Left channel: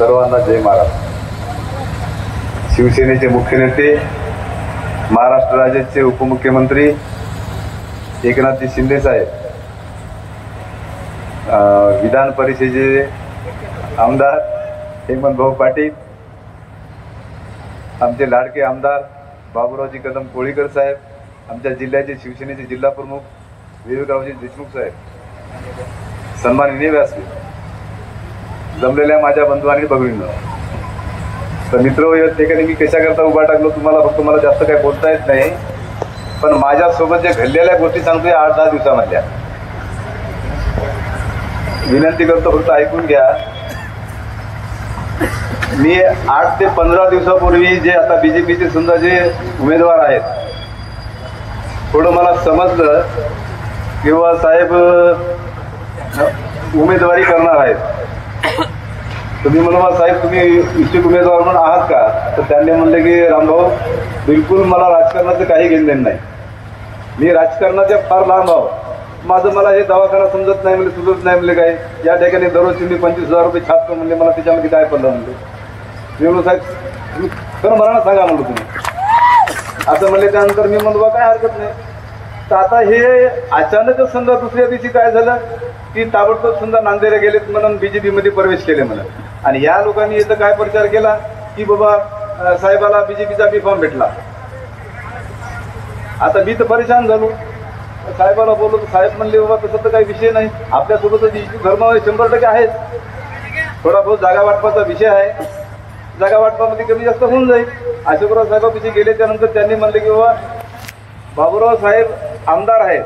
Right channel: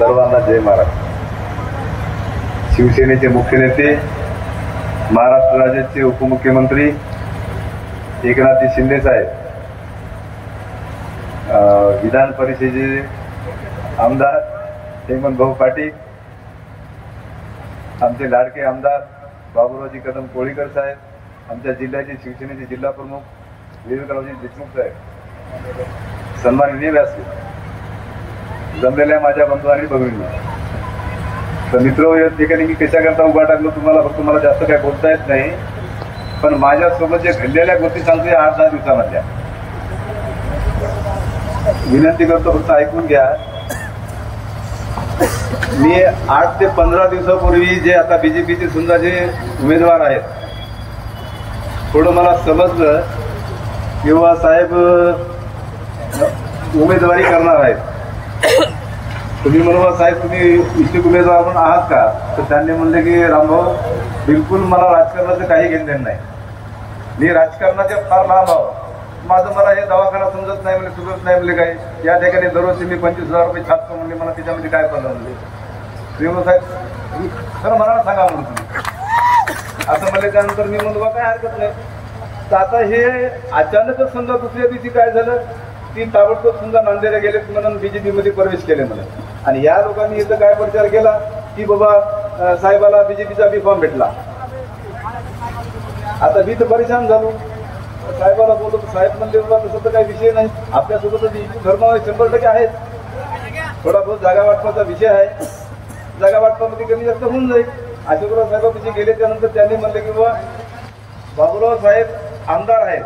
सर्वांना जय महाराष्ट्र। शिवसेनेचे मुख्य नेते, महाराष्ट्र राज्याचे उपमुख्यमंत्री एकनाथजी शिंदे साहेब, विधान परिषदेचे आमदार हेमंत भाऊ पाटील, आमचे लाडके आमदार बाबूरावजी कदम कोळीकर साहेब, आमच्या जिल्ह्याचे शिवसेनेचे जिल्हा प्रमुख विवेकरावजी देशमुख साहेब, सन्माननीय व्यासपीठ, जमलेल्या माझ्या बंधू आणि भगिनींनो, तर मित्र या ठिकाणी मी कशाकरता उभा टाकलो तुम्हाला फक्त मला जास्त काय बोलता येत नाही, पण माझ्यासोबत जे घडलेल्या गोष्टी सांगतोय 8-10 दिवसामधल्या विनंती करतो, फक्त ऐकून घ्या। मी 8 ते 15 दिवसापूर्वी जे आता बीजेपीचे सुद्धा जे उमेदवार आहेत थोडं मला समजलं किंवा साहेब उमेदवारी करणार आहेत, तुम्ही म्हणून साहेब तुम्ही इच्छुक उमेदवार म्हणून आहात का, तर त्यांनी म्हणले की रामभाऊ बिलकुल मला राजकारणाचं काही घेणं नाही, मी राजकारणाच्या फार लांब आहो, माझं मला हे दवाखाना समजत नाही म्हणजे सुचत नाही म्हणजे काय, या ठिकाणी दररोज मी 25,000 रुपये छापतो म्हणजे मला त्याच्यामध्ये काय पडलं म्हणजे विरोध साहेब तर मला सांगा म्हणलं तुम्ही असं म्हणले। त्यानंतर मी म्हणतो काय हरकत नाही, तर आता हे अचानकच समजा दुसऱ्या दिवशी काय झालं की ताबडतोब समजा नांदेडला गेलेत म्हणून बीजेपी मध्ये प्रवेश केले मला, आणि या लोकांनी इथं काय प्रचार केला की बाबा साहेबाला बीजेपीचा बी फॉर्म भेटला। आता मी तर परेशान झालो, साहेबाला बोललो तर साहेब म्हणले बाबा तसं तर काही विषय नाही, आपल्यासोबतच हिंदू धर्म 100% आहेत, थोडा बहुत जागा वाटपाचा विषय आहे, जागा वाटपामध्ये कमी जास्त होऊन जाईल। अशोकराव साहेबांपाशी गेले त्यानंतर त्यांनी म्हणले की बाबा बाबूराव साहेब आमदार आहेत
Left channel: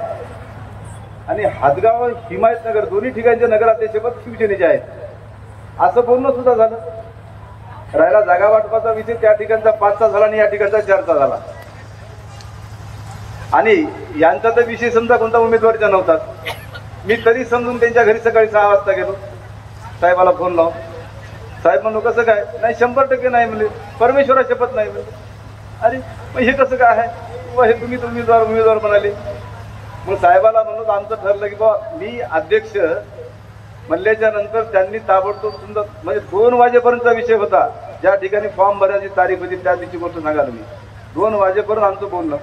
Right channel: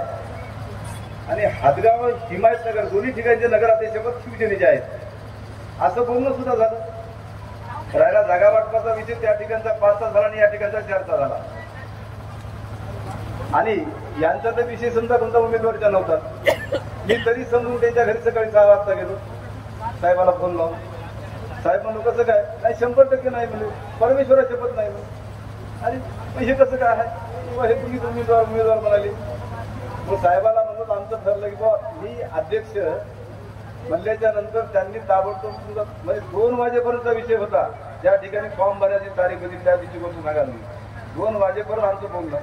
आणि हातगाव हिमायतनगर दोन्ही ठिकाणचे नगराध्यक्षपद शिवसेनेचे आहेत, असं बोलणं सुद्धा झालं। राहिला जागा वाटपाचा विषय त्या ठिकाणचा 5चा झाला आणि या ठिकाणचा 4चा झाला, आणि यांचा तर विषय समजा कोणता उमेदवारीचा नव्हता। मी तरी समजून त्यांच्या घरी सकाळी 6 वाजता गेलो, साहेबाला फोन लावून साहेब म्हणलो कसं काय, नाही 100% नाही म्हणजे परमेश्वरा शपथ नाही म्हणजे, अरे मग हे कसं काय आहे, हे तुम्ही उमेदवार म्हणाले। मग साहेबाला म्हणलो आमचं ठरलं की बाबा मी अध्यक्ष म्हणल्याच्या नंतर त्यांनी ताबडतोब समजा म्हणजे 2 वाजेपर्यंतचा विषय होता, ज्या ठिकाणी फॉर्म भरायची तारीख होती त्या दिवशी बोलतो सांगा तुम्ही 2 वाजेपर्यंत आमचं बोलणं,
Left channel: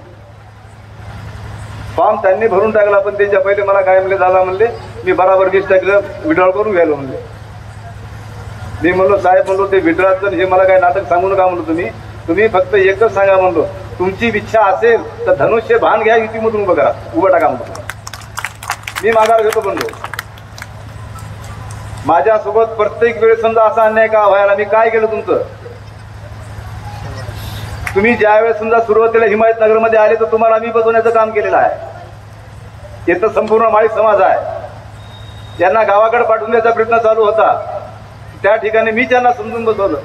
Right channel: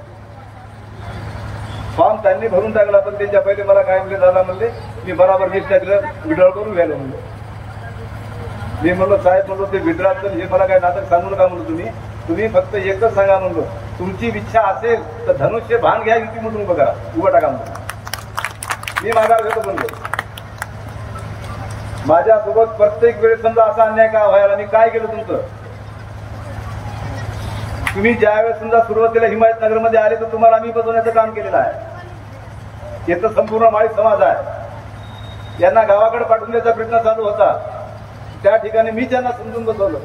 फॉर्म त्यांनी भरून टाकला, पण त्यांच्या पहिले मला काय म्हणले दादा म्हणले मी बराबर लिस्ट टाकलं विड्रॉल करून घ्यायला म्हणले। मी म्हणलो साहेब म्हणलो ते विड्रॉलचं हे मला काय नाटक सांगू नका म्हणलो, तुम्ही फक्त एकच सांगा म्हणलो तुमची इच्छा असेल तर धनुष्य भान घ्या युतीमधून बघा उभं टाका म्हणलो, मी माघार घेतो म्हणलो। माझ्यासोबत प्रत्येक वेळेस समजा असा अन्याय का व्हायला, मी काय केलं तुमचं, तुम्ही ज्यावेळेस समजा सुरुवातीला हिमायतनगरमध्ये आले तर तुम्हाला मी बसवण्याचं काम केलेलं आहे, इथं संपूर्ण माळी समाज आहे, त्यांना गावाकडे पाठवण्याचा प्रयत्न चालू होता, त्या ठिकाणी मी त्यांना समजून बसवलं।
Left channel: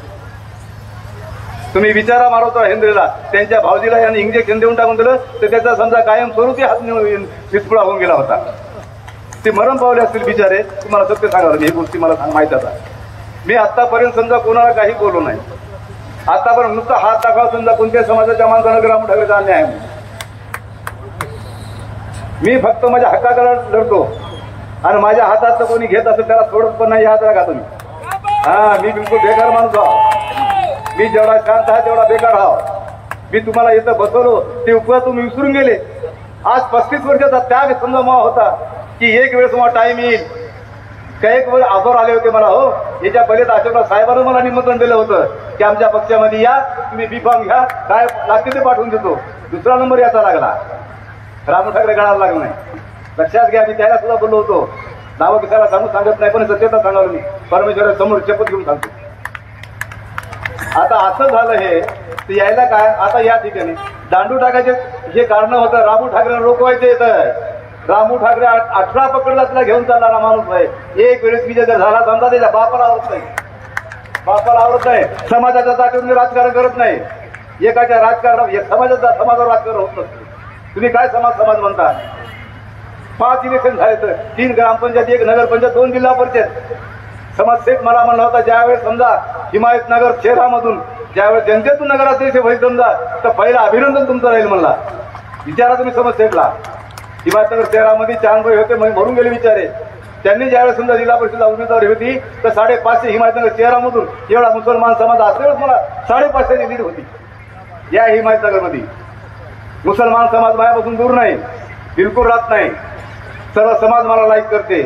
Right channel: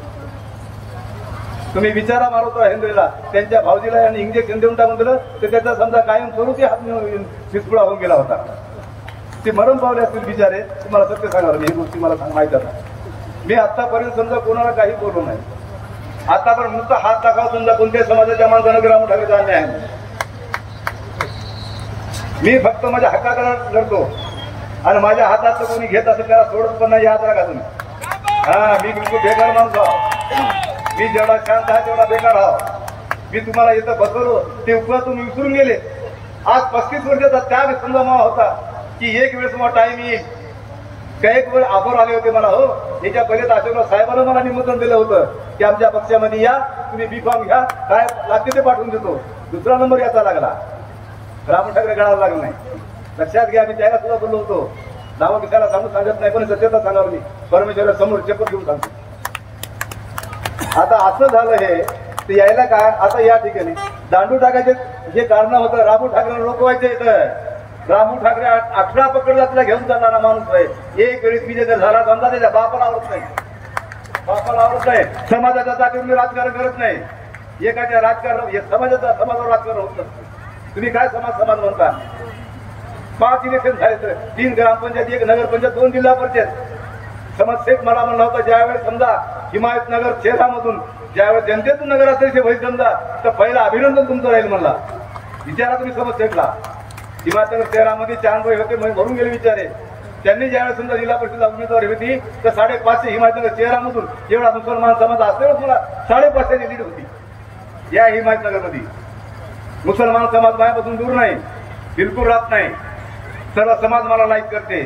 तुम्ही विचारा मारवता हेंद्रेला त्यांच्या भावजीला यांनी इंजेक्शन देऊन टाकून दिलं तर त्याचा समजा कायम स्वरूपी हात फिसपुळा होऊन गेला होता, ते मरण पावले असतील बिचारे, तुम्हाला सत्य सांगावं ही गोष्टी मला माहित आता। मी आतापर्यंत समजा कोणाला काही बोललो नाही, आतापर्यंत नुसतं हात दाखवा समजा कोणत्या समाजाच्या माणसानं रामू ठाकरेचा अन्याय आहे, मी फक्त माझ्या हक्काकडे लढतो आणि माझ्या हातात कोणी घेत असेल त्याला सोडत पण नाही, याद राखा तुम्ही। मी बिलकुल बेकार माणूस आहो, मी जेवढा शांत आहे तेवढा बेकार आहो, मी तुम्हाला इथं बसवलो ते उपकार तुम्ही विसरून गेले। आज 35 वर्षाचा त्याग समजा मला होता की एक वेळेस मला टाइम येईल, काही वेळ आभार आले होते मला, हो याच्या पहिले तर अशोकराव साहेबांना मला निमंत्रण दिलं होतं की आमच्या पक्षामध्ये या, तुम्ही बी फॉर्म घ्या, काय लागते ते पाठवून देतो। दुसरा नंबर याचा लागला, रामू ठाकरे गणाला लागला नाही, लक्षात घ्या। मी त्याला सुद्धा बोललो होतो, नावं किसाला सांगत नाही पण सत्यता सांगणार मी, परमेश्वरा समोर शपथ घेऊन सांगतो। आता असं झालं हे तर यायला काय, आता या ठिकाणी दांडू टाकायचे हे कारण होतं, रामू ठाकरे रोखवायचे येतं, रामू ठाकरे 18 पकडला तुला घेऊन चालणारा माणूस आहे, एक वेळेस विजय झाला समजा त्याच्या बापाला आवडत नाही, समाजाच्या जागेवर राजकारण करत नाही, एकाच्या राजकारण समाजावर राजकारण होत नसतं। तुम्ही काय समाज म्हणता, 5 इलेक्शन झाले तर 3 ग्रामपंचायत, 1 नगरपंचायत, 2 जिल्हा परिषद, समाजसेवक मला म्हणला होता ज्यावेळेस समजा हिमायतनगर शहरामधून ज्यावेळेस जनतेतून नगराध्यक्ष होईल समजा तर पहिलं अभिनंदन तुमचं राहील म्हणला। विचारा तुम्ही समाजसेवकला, हिमायतनगर शहरामध्ये 4 होते मरून गेले विचारे, त्यांनी ज्यावेळेस समजा जिल्हा परिषदला उमेदवारी होती तर 550 हिमायतनगर शहरामधून एवढा मुसलमान समाज असल्यावर मला 550 लीड होती या हिमायतनगरमध्ये. मुसलमान समाज माझ्यापासून दूर नाही, बिलकुल राहत नाही. सर्व समाज मला लाईक करते.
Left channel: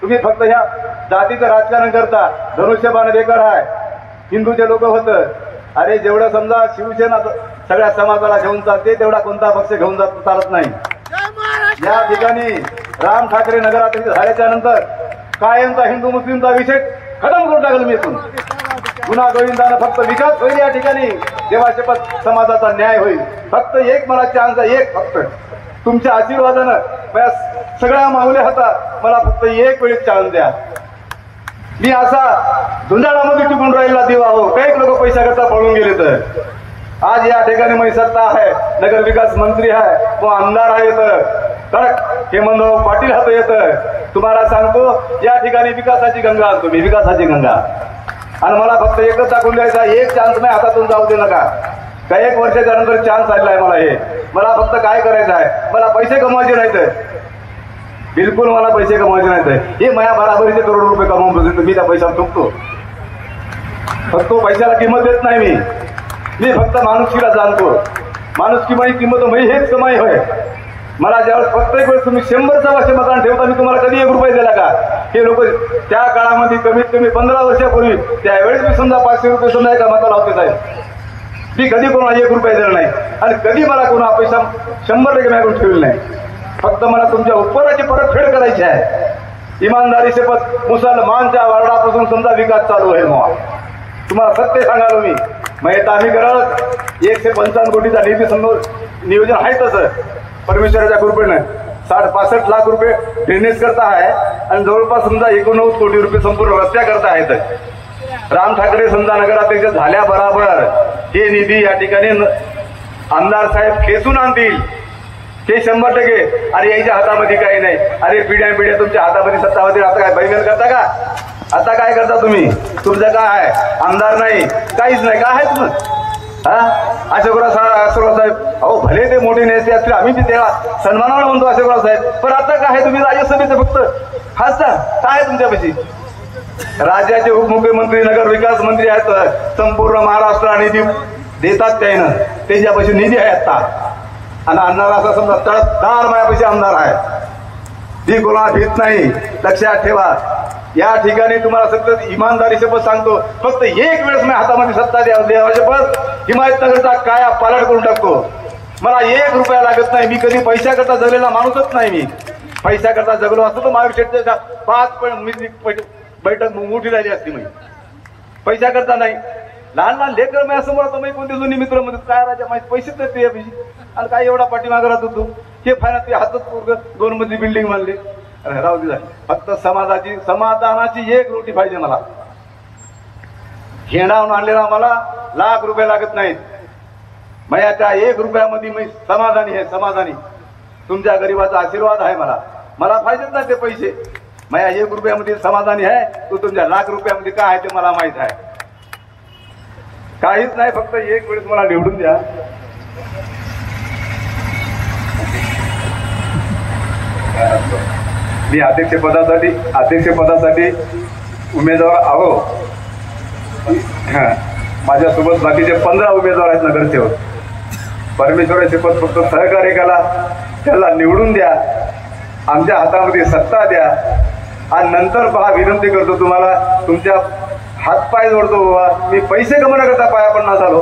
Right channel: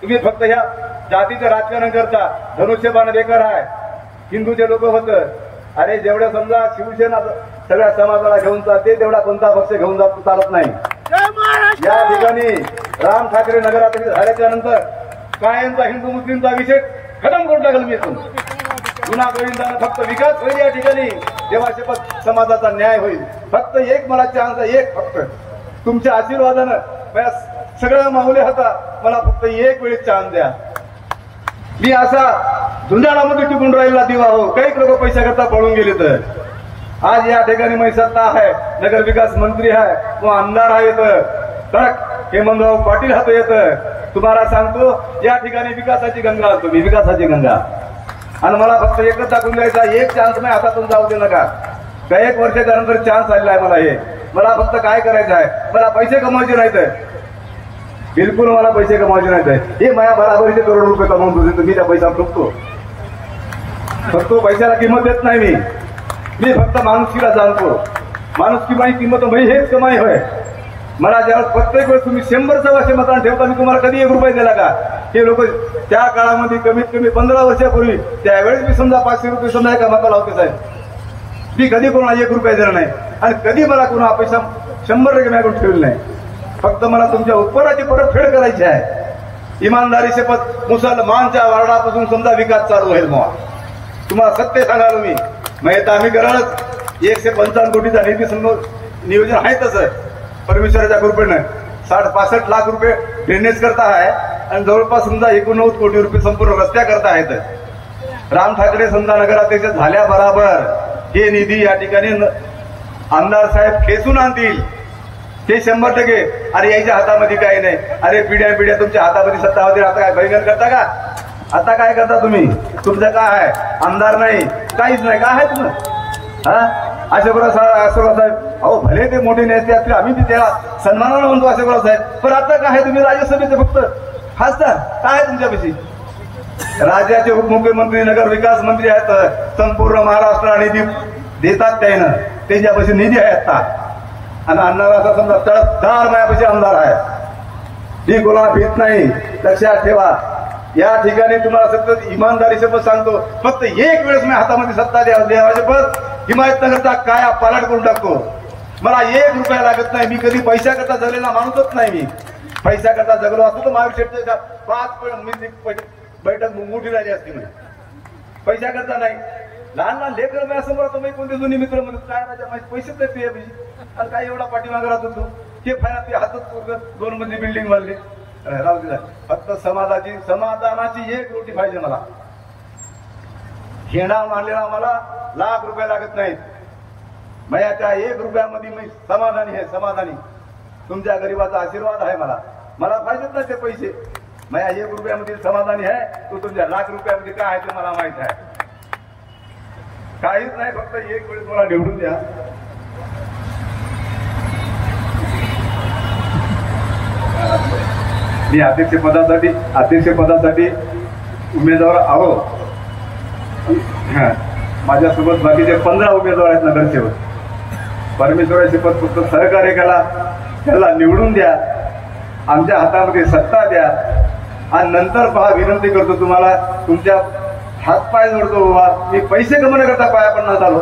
तुम्ही फक्त ह्या जातीचं राजकारण करता. धनुष्यबाण बेकार आहे. हिंदूचे लोक होतं. अरे जेवढं समजा शिवसेना सगळ्या समाजाला घेऊन चालते तेवढा कोणता पक्ष घेऊन जात चालत नाही. या ठिकाणी राम ठाकरे नगराध्यक्ष झाल्याच्या नंतर कायमचा हिंदू मुस्लिमचा विषय खतम करून टाकला मी इथून. गुन्हा गोविंदानं फक्त विकास होईल या ठिकाणी. जेव्हा शपथ समाजाचा न्याय होईल. फक्त एक मला चान्स आहे, एक फक्त तुमच्या आशीर्वादानं माझ्या सगळा माहुले होता. मला फक्त एक वेळेस चान्स द्या. मी असा झुंजाळामध्ये टिकून राहिला दिवा हो. काही लोक पैसा करता पळून गेले तर आज या ठिकाणी मी सत्ता आहे, नगर विकास मंत्री आहे, तो आमदार आहे, कडक हेमंतराव पाटील हात येतं. तुम्हाला सांगतो या ठिकाणी विकासाची गंगा असतो मी, विकासाची गंगा. आणि मला फक्त एकच दाखवून द्यायचा, एक चान्स नाही हातातून जाऊ दे नका. का 1 वर्षाच्या नंतर चान्स आलेला आहे मला. हे मला फक्त काय करायचं आहे, मला पैसे कमवायचे नाहीत, बिलकुल मला पैसे कमवायचे नाहीत. हे माझ्या बराबरीचे करोड रुपये कमावून मी त्या पैशावर चुकतो. फक्त पैशाला किंमत देत नाही मी फक्त माणुसकीला जाणतो. माणुसकी माझी किंमत म्हणजे हेच कमाई होय. मला ज्यावेळेस प्रत्येक वेळेस तुम्ही 100च्या वर्षी मतदान ठेवता मी तुम्हाला कधी 1 रुपये दिला का. हे लोक त्या काळामध्ये कमीत कमी 15 वर्षापूर्वी त्यावेळेस मी समजा 500 रुपये समजा एका मताला होते साहेब. मी कधी कोणाला 1 रुपये दिला नाही आणि कधी मला कोणा पैसा 100% मागून ठेवले नाही. फक्त मला तुमच्या उपकाराची परतफेड करायची आहे. इमानदारी शपथ मुसलमानच्या वार्डापासून समजा विकास चालू होईल. मग तुम्हाला सत्य सांगालो मी मग आम्ही करायलाच 155 कोटीचा निधी समोर नियोजन आहे. तसं परमेश्वराच्या कृपेनं 60-65 लाख रुपये ड्रेनेज करता आहे आणि जवळपास समजा 89 कोटी रुपये संपूर्ण रस्त्या करता आहेत. राम ठाकरे समजा नगराध्यक्ष झाल्या बरोबर हे निधी या ठिकाणी आमदार साहेब खेचून आणतील. हे 100%. अरे याच्या हातामध्ये काही नाही. अरे पिढ्या तुमच्या हातामध्ये सत्ता होती. आता काय बैल करता का. आता काय करता तुम्ही. तुमचं काय आहे, आमदार नाही, काहीच नाही. काय आहे तुम्ही अशोकराव साहेब. अहो भले ते मोठे नेते असतील, आम्ही त्याला सन्मानानं म्हणतो अशोकराव साहेब. पण आता काय आहे, तुम्ही राज्यसभेचं फक्त खासदार काय आहे तुमच्यापाशी. राज्याचे उपमुख्यमंत्री नगर विकास मंत्री आहेत. संपूर्ण महाराष्ट्राला निधी देतात त्यानं. त्यांच्यापाशी निधी आहे आता. आणि आणणारा असा समजा तळदार माझ्यापाशी आमदार आहे. ती कोणाला भीत नाही. लक्षात ठेवा. या ठिकाणी तुम्हाला सतत इमानदारी शपथ सांगतो. फक्त एक वेळेस मी हातामध्ये सत्ता द्यावा शपथ हिमायतनगरचा काय पालट करून टाकतो. मला 1 रुपया लागत नाही. मी कधी पैसा करता जगलेला माणूसच नाही. मी पैसा करता जगलो असतो तर महाविषयच्या 5 बैठक मोठी झाली असती. मी पैसा करता नाही. लहान लेकर मी असं म्हणतो मी कोणते जुनी मित्र मध्ये काय राजा माहिती पैसेच नाही ते आणि काय एवढा पाठीमागे राहत होतो. हे फायनात हातच 2 मजली बिल्डिंग बांधली. राहू दे. फक्त समाधानाची 1 रोटी पाहिजे मला. घेणावून आणलेला मला लाख रुपये लागत नाहीत. माझ्या त्या 1 रुपयामध्ये मी समाधानी आहे. समाधानी. तुमच्या गरीबाचा आशीर्वाद आहे मला. मला पाहिजेच नाही ते पैसे. माझ्या 1 रुपयामध्ये समाधानी आहे. तो तुमच्या लाख रुपयामध्ये काय आहे ते मला माहित आहे. काहीच नाही. फक्त 1 वेळेस मला निवडून द्या. मी अध्यक्षपदासाठी उमेदवार आहो. माझ्यासोबत बाकीचे 15 उमेदवार आहेत नगरसेवक. परमेश्वराची शपथ फक्त सहकार्य करा. त्याला निवडून द्या. आमच्या हातामध्ये सत्ता द्या. आणि नंतर पहा विनंती करतो तुम्हाला. तुमच्या हातपाय जोडतो. मी पैसे कमवण्याकरता पाया पडणार झालो.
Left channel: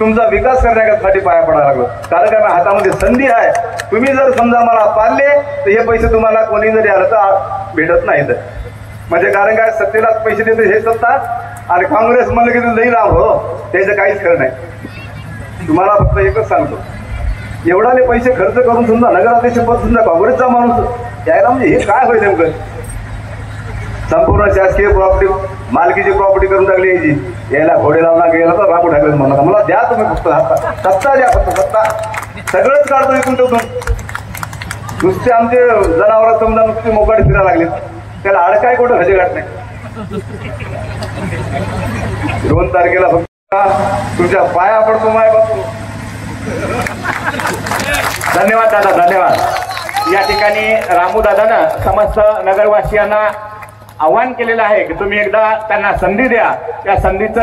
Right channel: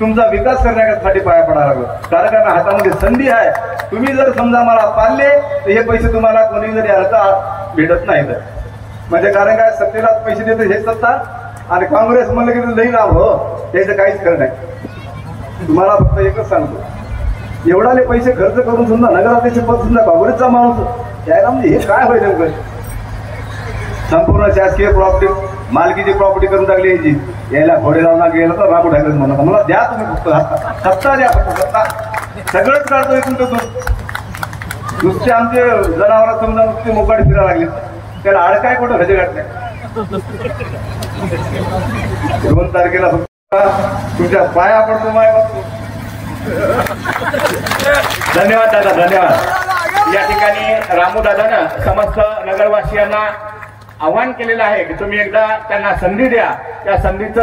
तुमचा विकास करण्यासाठी पाया पडायला लागलो. कारण हातामध्ये संधी आहे. तुम्ही जर समजा मला पाळले तर हे पैसे तुम्हाला कोणी जरी आलं तर भेटत नाहीत. म्हणजे कारण काय सत्तेलाच पैसे देते हे सत्ता आणि काँग्रेस म्हणलं की लई लाभ हो. त्याचं काहीच खरं नाही. तुम्हाला फक्त एकच सांगतो. एवढाले पैसे खर्च करून समजा नगराध्यक्ष पद समजा काँग्रेसचा माणूस यायला म्हणजे हे काय होईल नेमकं. संपूर्ण शासकीय प्रॉपर्टी मालकीची प्रॉपर्टी करून टाकली याची. यायला घोडे लावणार गेला तर राबू टाकलं म्हणा. मला द्या तुम्ही फक्त सत्ता द्या. फक्त सत्ता सगळंच काढतो इकडून तिथून. नुसते आमचे जनावर समजा नुसते मोकाट फिरायला लागले. त्याला अडकाय कुठं भजे घात नाही. 2 तारखेला फक्त तुमच्या पाया पडतो माय बापू. धन्यवाद दादा. धन्यवाद. या ठिकाणी रामूदादानं समस्त नगरवासियांना आवाहन केलेलं आहे की तुम्ही एकदा त्यांना संधी द्या. त्या संधीचं